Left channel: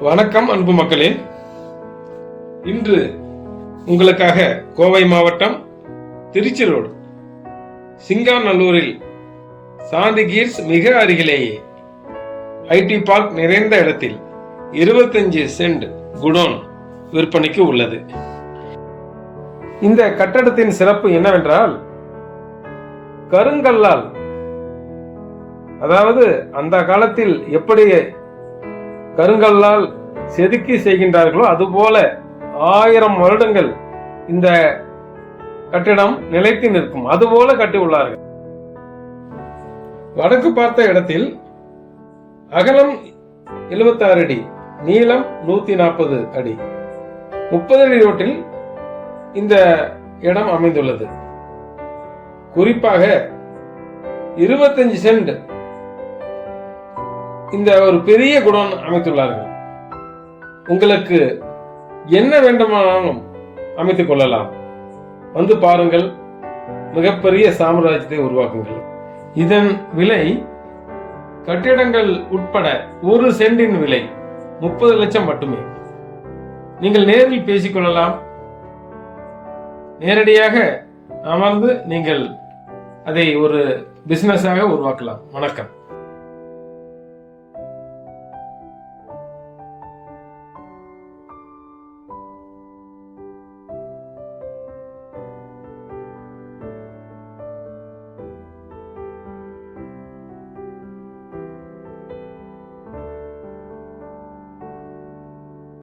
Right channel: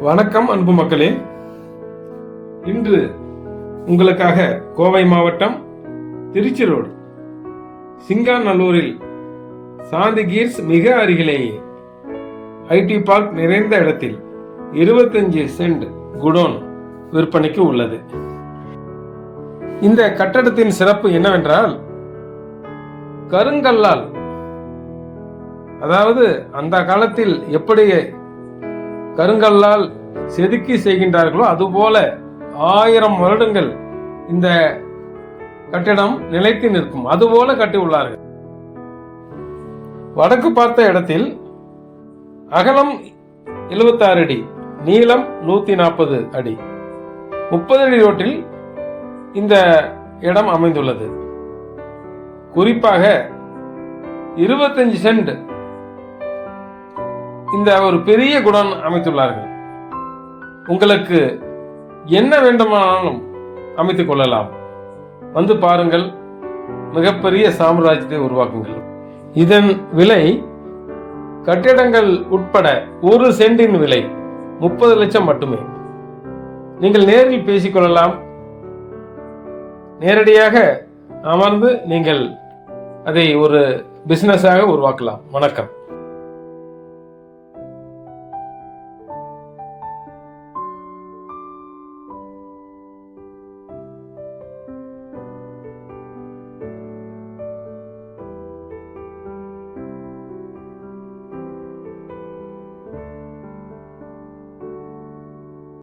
வணக்கம் அன்பு மக்களே. இன்று உங்களுக்காக கோவை மாவட்டம் திருச்சி ரோடு சிங்காநல்லூரில் சாந்தி கீர்ஸ் மிக அருகிலேயே ஐடி பார்க் நிறைந்த இடத்தில் 25 சென்ட் குடோன் விற்பனைக்கு உள்ளது. இந்த கட்டடத்தின் சிறப்பு என்னவென்றால் கருங்கல்லால் அதாவது அந்த காலத்தில் எப்படி கருங்கல்லால் செதுக்கி செய்கின்றார்களோ அதுபோல ஆயிரம் வருடங்கள் இந்த கட்டிடம் நிலைத்து நிற்கும். அதுபோல கட்டி உள்ளார்கள். வடக்கு பார்த்த இடத்தில் அகலம் 76 அடி நீளம் நூத்தி நாற்பது அடி. முப்பது அடி ரோட்டில் இந்த இடம் அமைந்துள்ளது. குறிப்பாக 25 சென்ட் இந்த ஒரு பெரிய குடன் அமைத்துள்ளார்கள். உங்களுக்கு என்ன வேண்டுமானாலும் அமைத்துக் கொள்ளலாம். வந்து பாருங்கள் மிகப்பெரிய சாம்ராஜ்யத்தை உருவாக்குங்கள். இதன் விலை கட்டிடங்கள் உட்பட ஒரு சென்டின் விலை முப்பது லட்சம் மட்டுமே. நீங்கள் நேரில் பேசிக்கொள்ளலாம் நேரடியாக அமர்ந்து நீங்கள் அதை ஒரு பிசினஸாக உருவாக்கலாம். வணக்கம்.